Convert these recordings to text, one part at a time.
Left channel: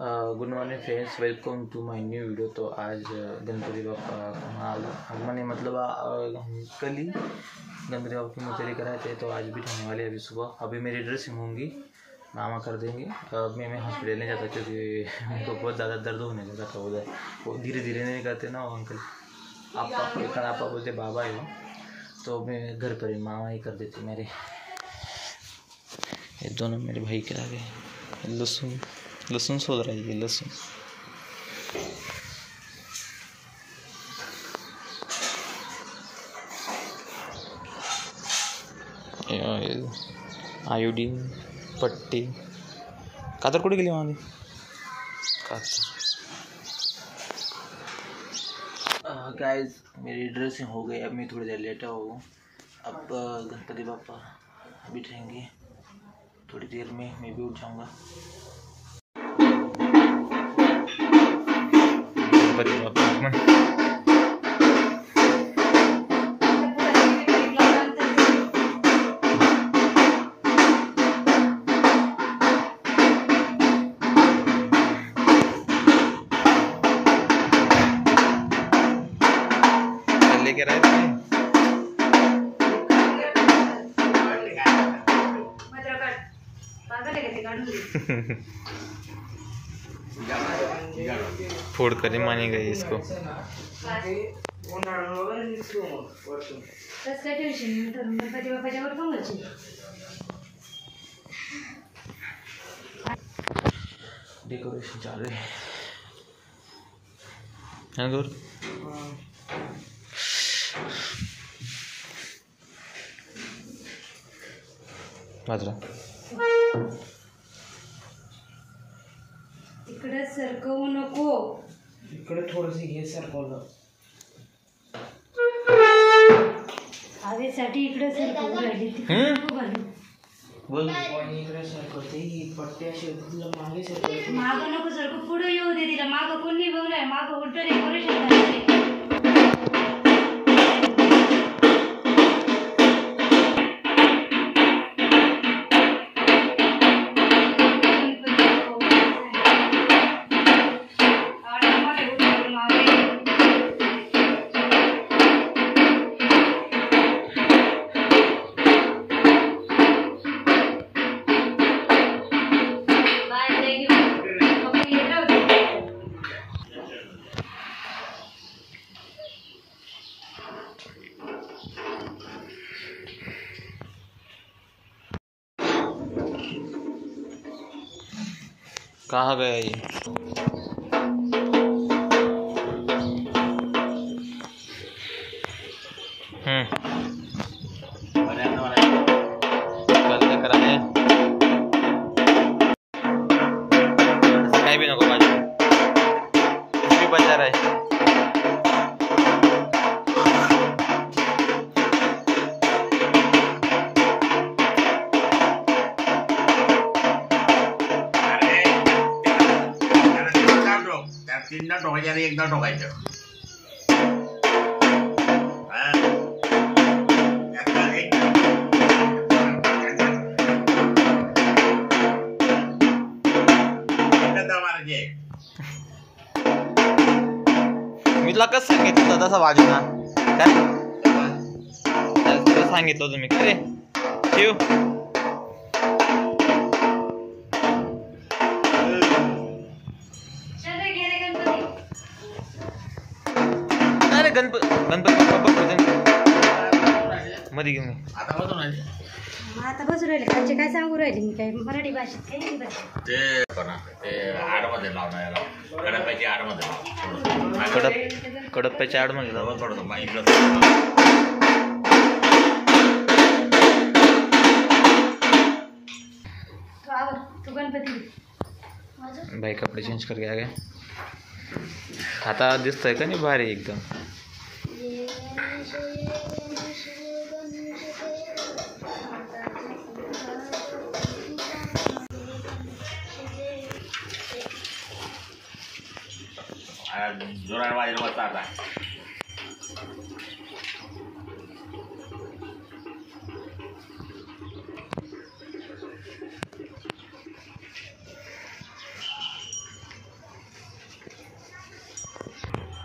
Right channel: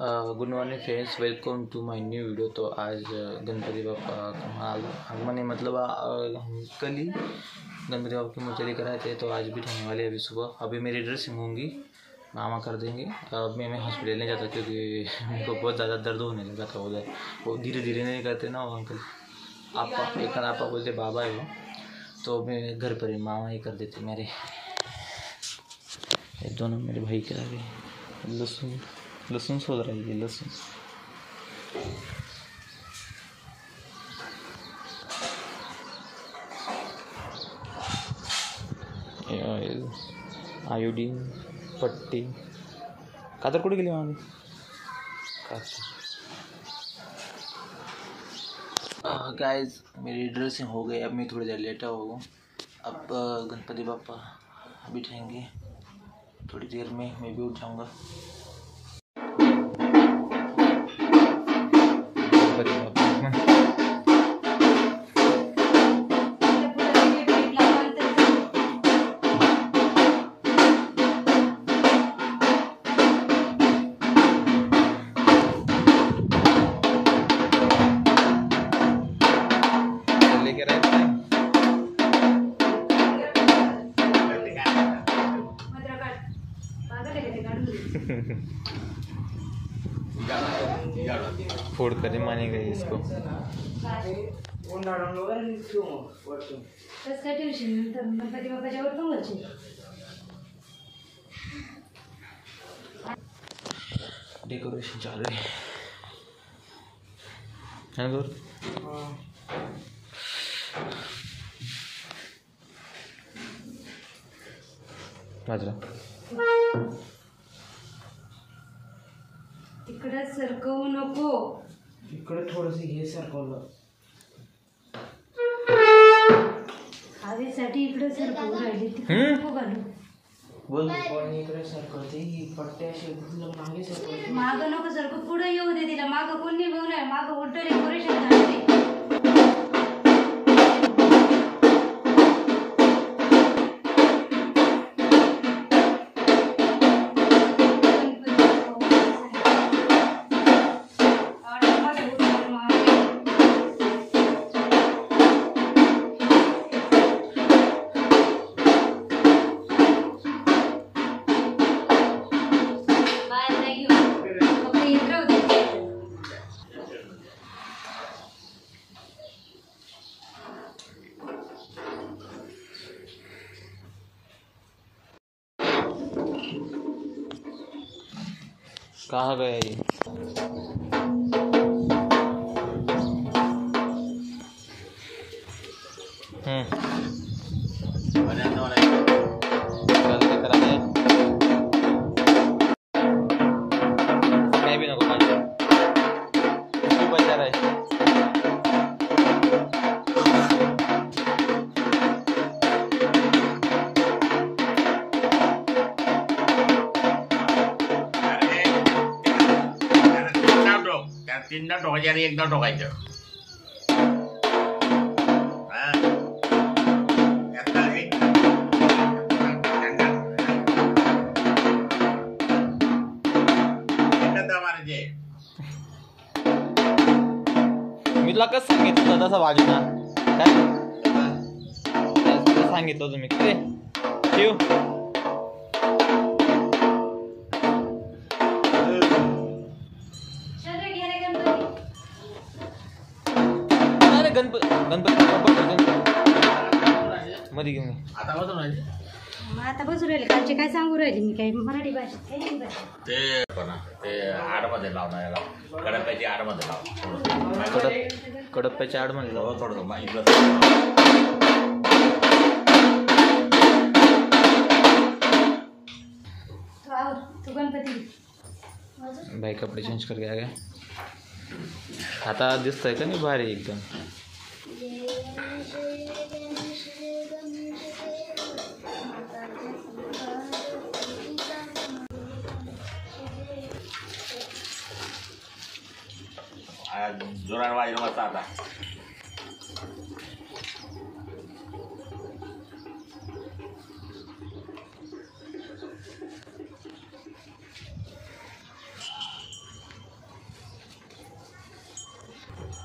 Good morning friends, welcome to my new video. तो आज गणपति बापा आगमन है, मतलब कल ही गणपति बापा की मूर्ति लेकर आए थे, तो आज भी होने वाले अभी सुबह। अभी मेरी ड्रेसिंग होंगी, मामा कर देंगे। मैं हॉस्पिटल नहीं जाता क्योंकि उनको बहुत ज़्यादा दर्द होने लगा था उधर। वो धीरे धीरे नहीं करते ना वो अंकल, आपा बोलते बाबा है वो, तो मैं घर पर ही मामा ही कर देती मेरे। ये दोनों मेरे भाई के आगे लहसुन सोच रहा है, ये लहसुन। आयोडीन पट्टी कातर कुठे गेली माझी गाइस, मेरी ड्रेसिंग हो गई। अब मैं थोड़ी देर लेटा हूँ। अब गणपति बापा बिठाएंगे, थोड़ी देर में मैं भी उठ जाऊँगा। गणपति बापा आगमन। लेके रहे थे फोड़ कर माने गए इसको। डेकोरेशन चालू है गौर। बाजरा इकडे सरकवू नको, इकडे थोडंसं घे सरकवलं हवेसाठी इकडे सरकवू राहिली, तिकडे नको घालू। बोल कोणी इकडे सरकवते, ही पट्टी अशी मागे सरकवते, मागं नको सरकू, पुढे येऊ दे तिला। मागं कोणी बघून आहे, मागं उलट डेकोरेशन झालं। कहाँ गया ये? कल लेकर आए कहीं भी नको बाजू, कुछ भी बचा रहा है। तीनदा ठोकायचं आणि एकदा ठोकायचं। मी तुला कसं सांगितलं होतं तसं वाजू ना, काय सांगितलं होतं मी, काय ठेव। गणपती बाप्पा मध्ये घेऊन आता बसू राहिले, कालचे काय सांगू राहिले मी, काय मराठी भाषेत काय नाही भाषेत ते आडमध्ये लावणार, याला कडप्याची आडमध्ये लाव, कडप्प्याच्या आडमध्ये लाव थोडं इकडं। तू गणपती भाई कपडे चेंज करके आ गए। आता दिसतंय का नाही भारी एकदम। जोरात वाजलं मस्त आता।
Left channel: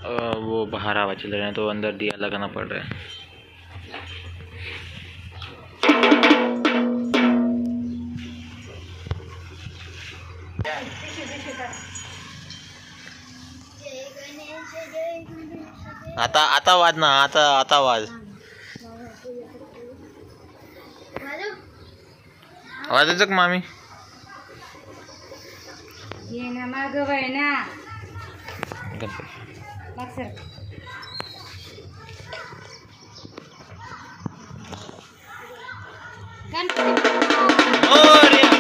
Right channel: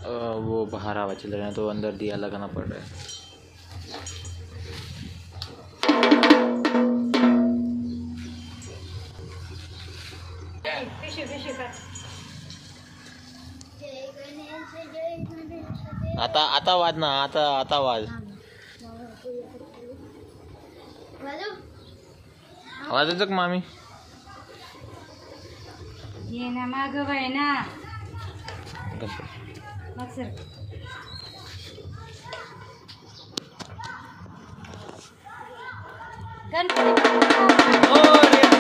वो बाहर हवा चल रहा है तो अंदर दिया लगाना पड़ रहा है। आता आता वाज ना, आता वाज वाजायचं का मामी? ये ना माग बाई ना गणपती मग सर गणपती मोरया.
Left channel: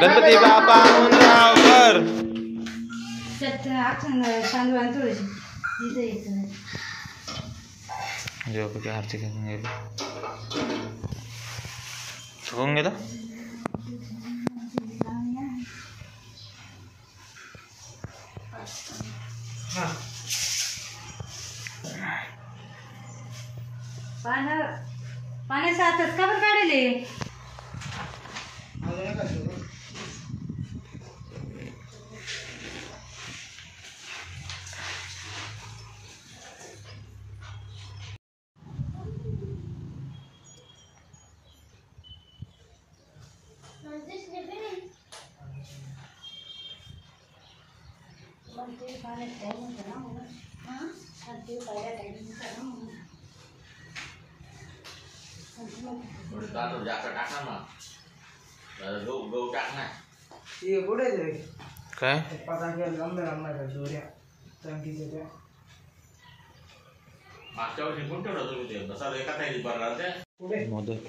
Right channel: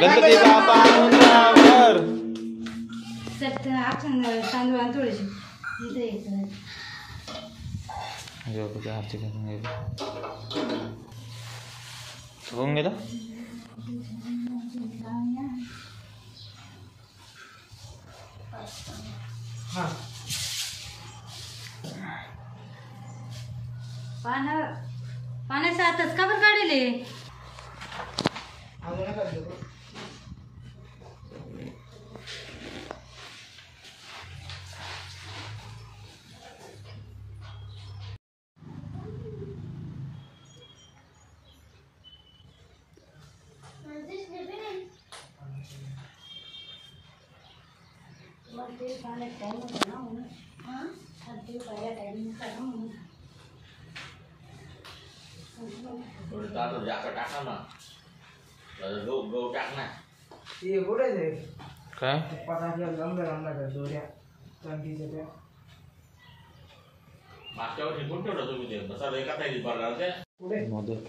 गणपती बाप्पा उंबरावर. तांदूळ आणि थोडीशी इथं येतं जेव्हा काय आरती करून गेली होऊन गेलं. पाण्याचा आताच का बरं काढले? काय मोदक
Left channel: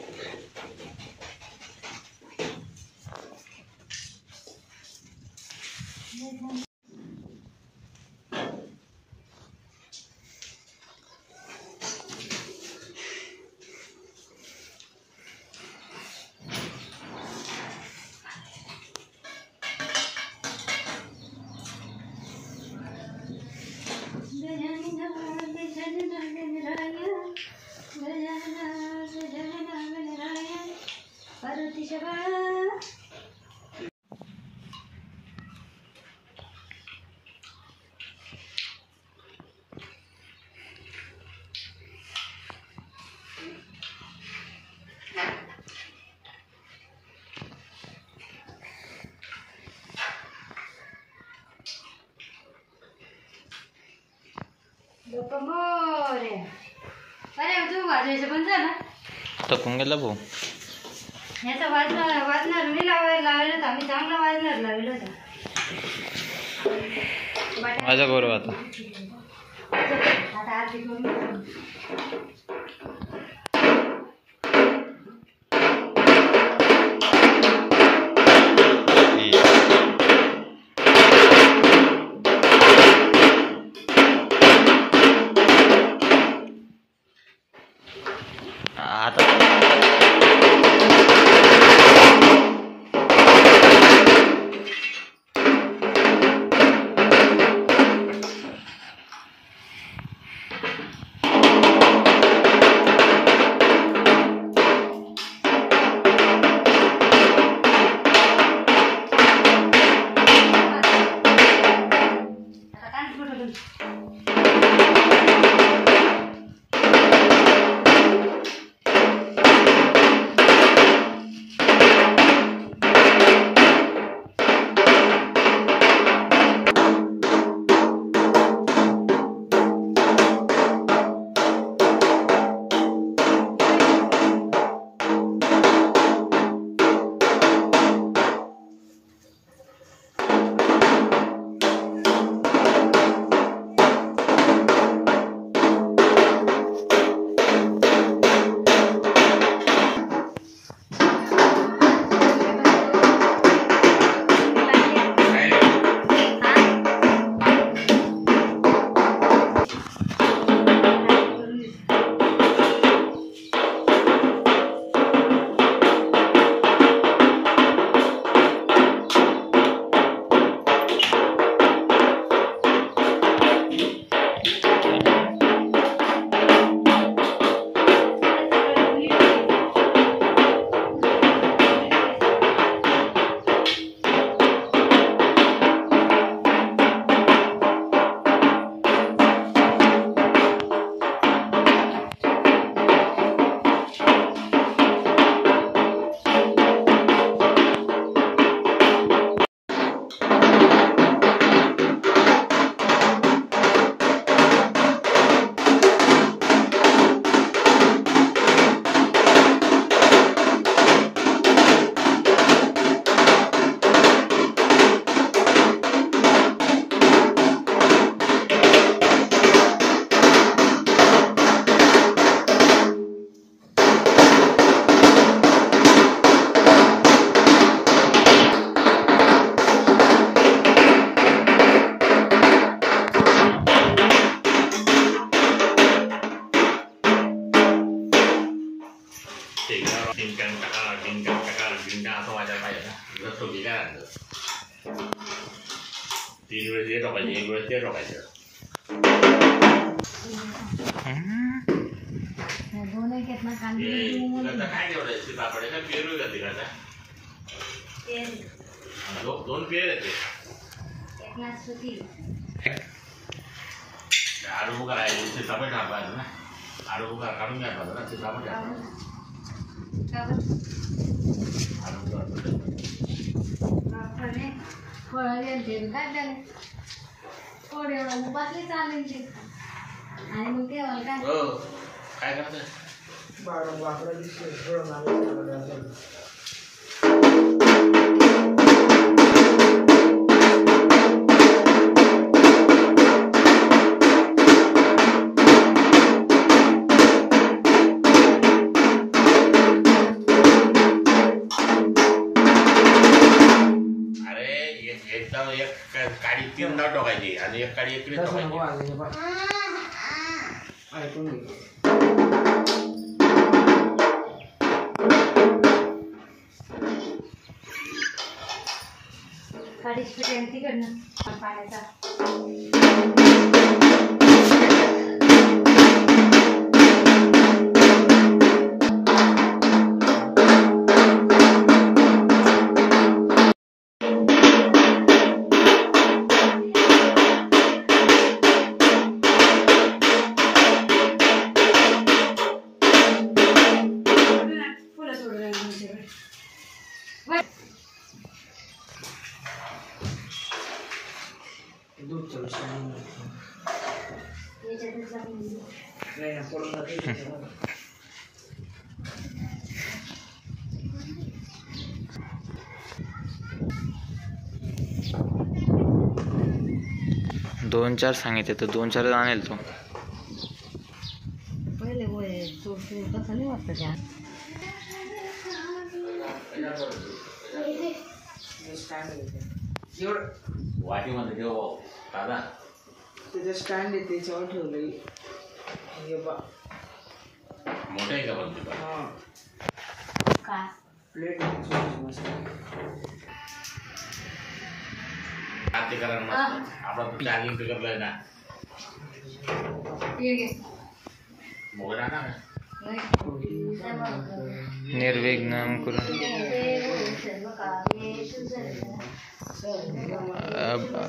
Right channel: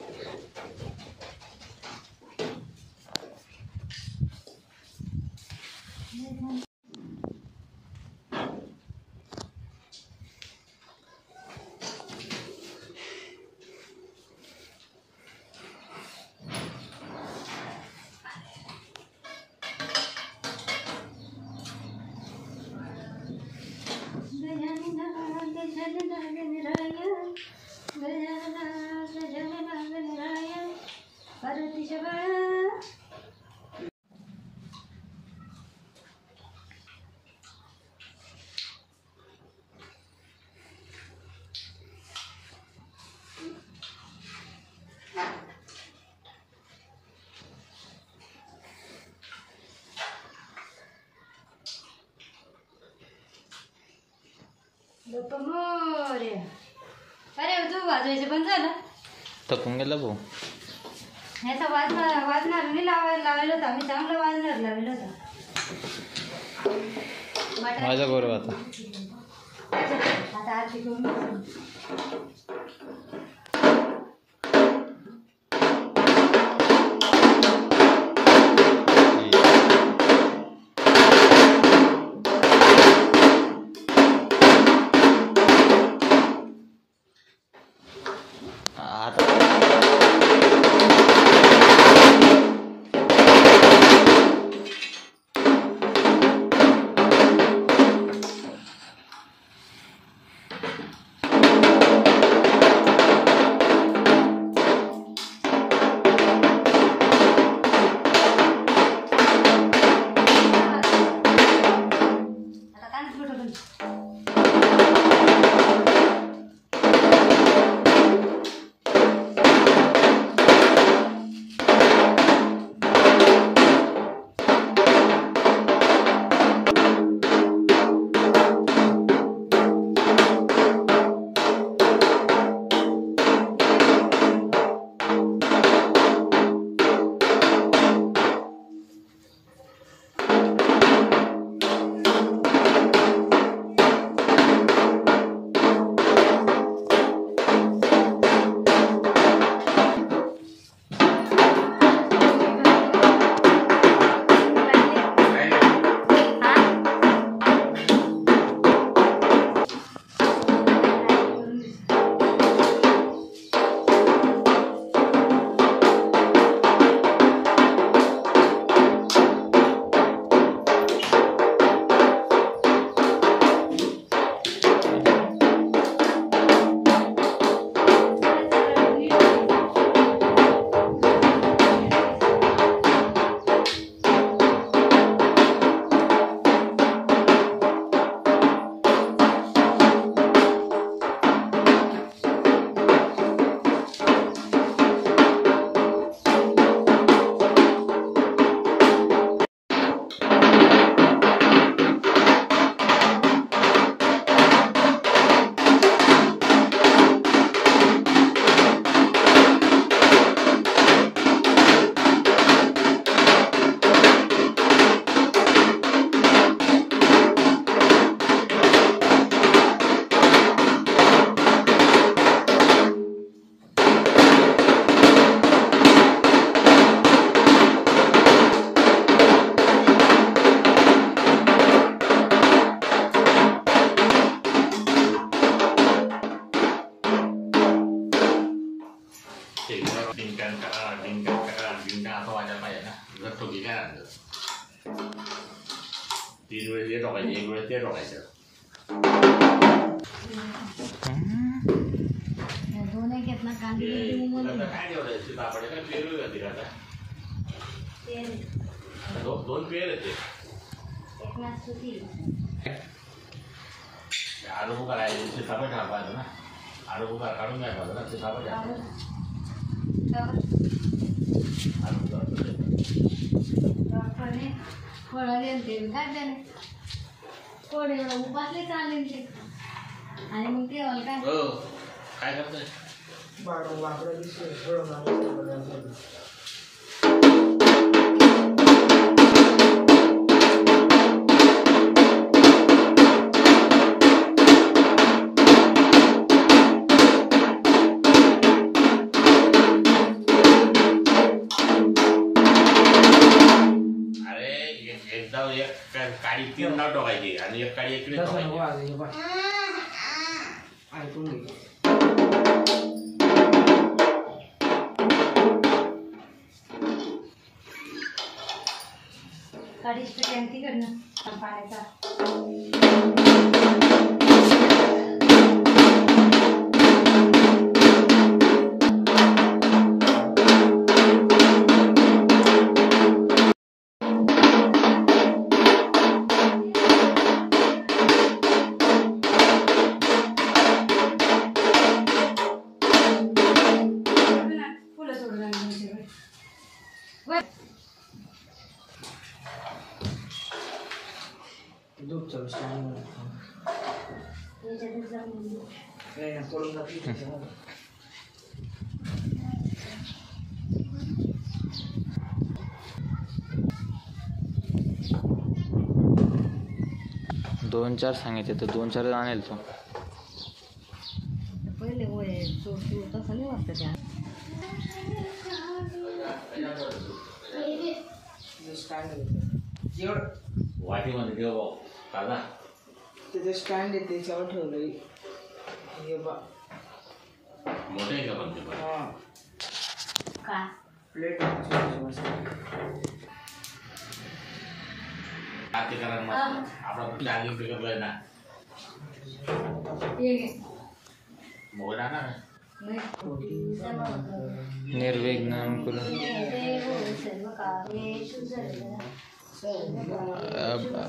बाप्पा मोरया. अरे तू वाजवायचं पण झालं थकून गेला भाऊ. ह्याचा वाजणार नाही लावायला होता. आम्ही चांगला वाजणार लावलेला होता. माझ्या बरोबर आता आता आरती करून आता शेंगा डिंकान टाका असं वाजायला पाहिजे ना. जर ठोकी काय आणलं 3 वेळेस हे टाकायचं 1 वेळेस ते टाकायचं. काय जेवढं सीताफळ का पेरू जाते का आता 2 पेर येते. आडू करायचे सीताफळ टाकायचं ना. आडू काढून घ्यायला पाहिजे ना सीताफळ काय करत काडी 3 डाव टाकायची आणि एक काडी इकडे ऐकून घे. काडीची पेटी तिकडनं पाण्याचा 2-4 सांगितले तर 2-4 आणेल तो. पहिले होय तो तसं नाही वाटतं त्या वाटीमध्ये ठेव दादा. त्याचं स्टँड आहे त्याच्यावर ठेवलंय. हे बा मोठं आहे का पण ते? हां का प्लेट ते करा मस्त. आपण चार्जिंग पिकअप आहे ना मोबाईल आणा ना. निर्विघ्न करून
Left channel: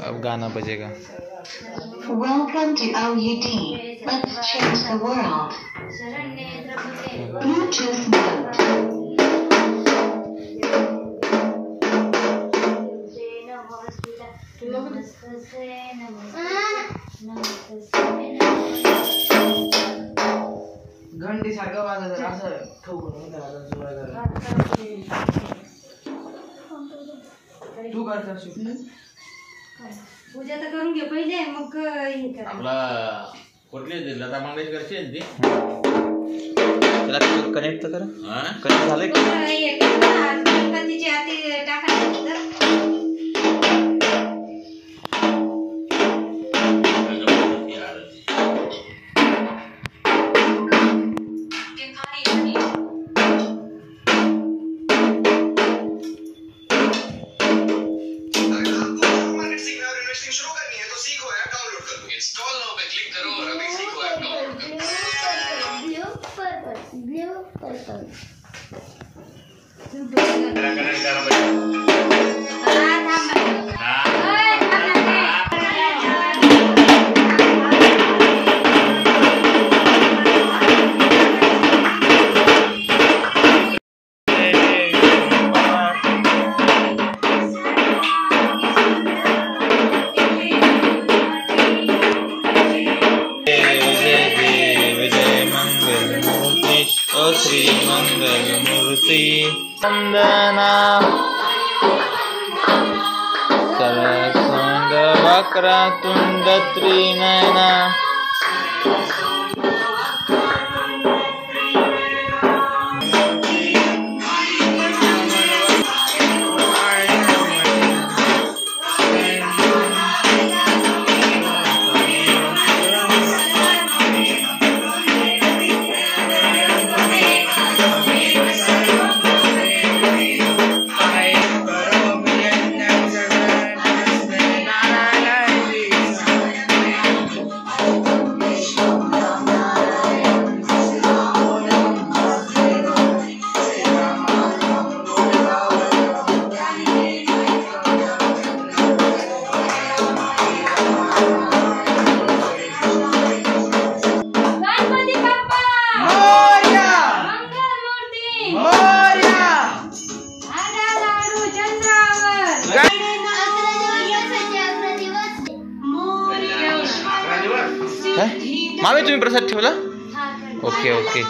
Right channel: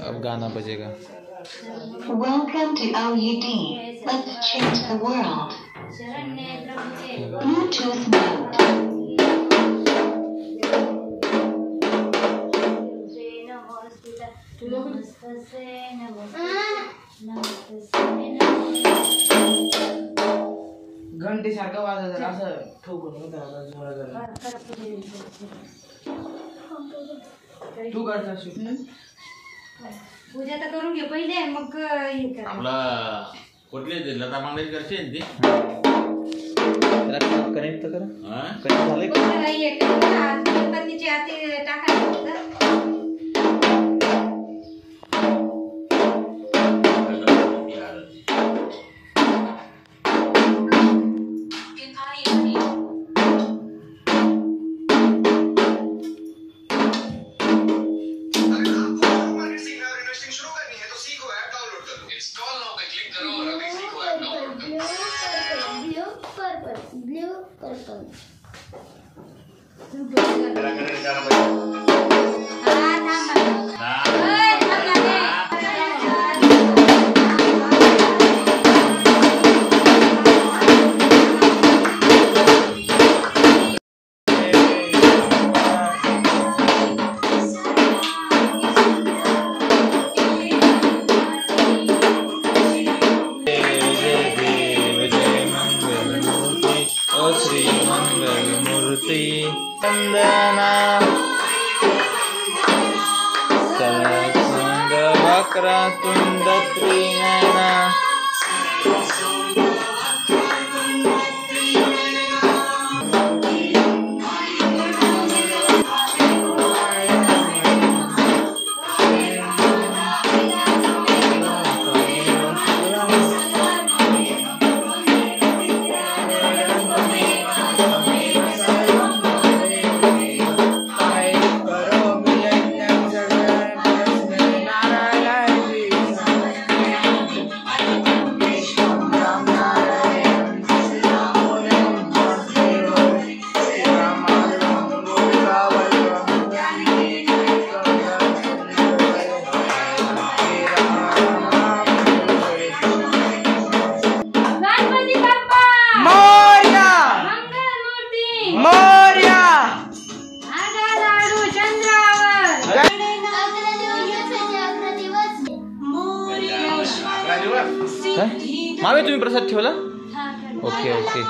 अब गाना बजेगा. Welcome to OUD. Let's change the world. Bluetooth mode. घंटी सारखं वाजत असं ठोकून होतं जोरा. तू करता पूजा तर करून घे पहिले मग हे कर. आपला कुठले लता मंगेशकरची आहे ती. त्याला कनेक्ट तर करा. हां कनेक्ट झालंय का? गणपतीची आरती टाकायची श्री मंगल मूर्ति वंदना सरसुंद वक्रतुंड त्रिनयना तुम्ही प्रसाद ठेवला? हा, ठेवला. Okay okay.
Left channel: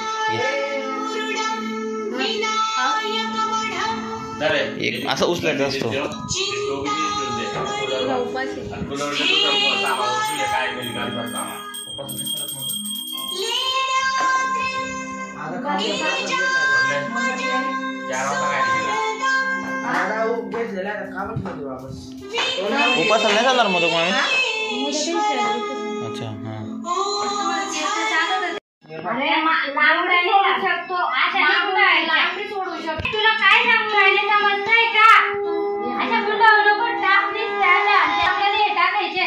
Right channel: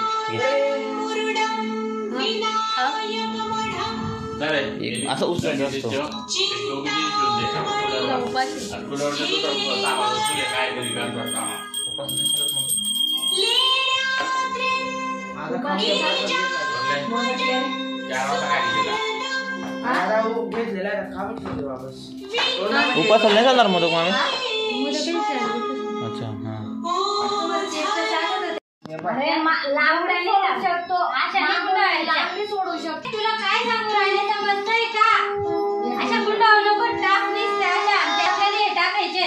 एक असं उचलायचं असतो. तुला उपास आहे. घेतलेला का म्हटलं वापस उपासाला नाही जाणार मोदक मामी? मोदकच झालं. अच्छा हां. सोडू शकतो. तुला काय सांगू राहिले समजतंय का? अशा गुंडावर नको टाक दिसते अशा त्यामध्ये टाकायचे.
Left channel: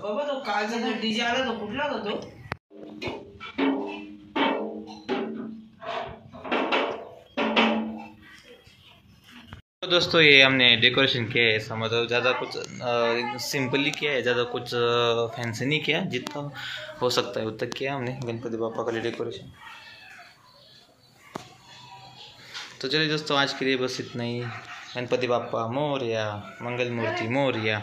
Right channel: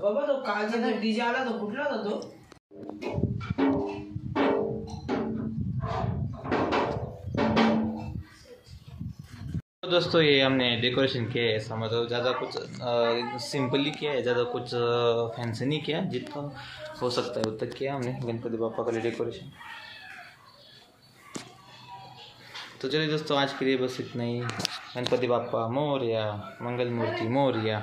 बाबा तो कालचा डीजे आला तो कुठला होता तो? तो दोस्तों ये हमने डेकोरेशन किया है, ऐसा मतलब ज़्यादा कुछ सिंपली किया है, ज़्यादा कुछ फैंसी नहीं किया, जितना हो सकता है उतना किया हमने गणपति बापा का लिए डेकोरेशन. तो चलिए दोस्तों आज के लिए बस इतना ही. गणपति बापा मोरया, मंगल मूर्ति मोरया.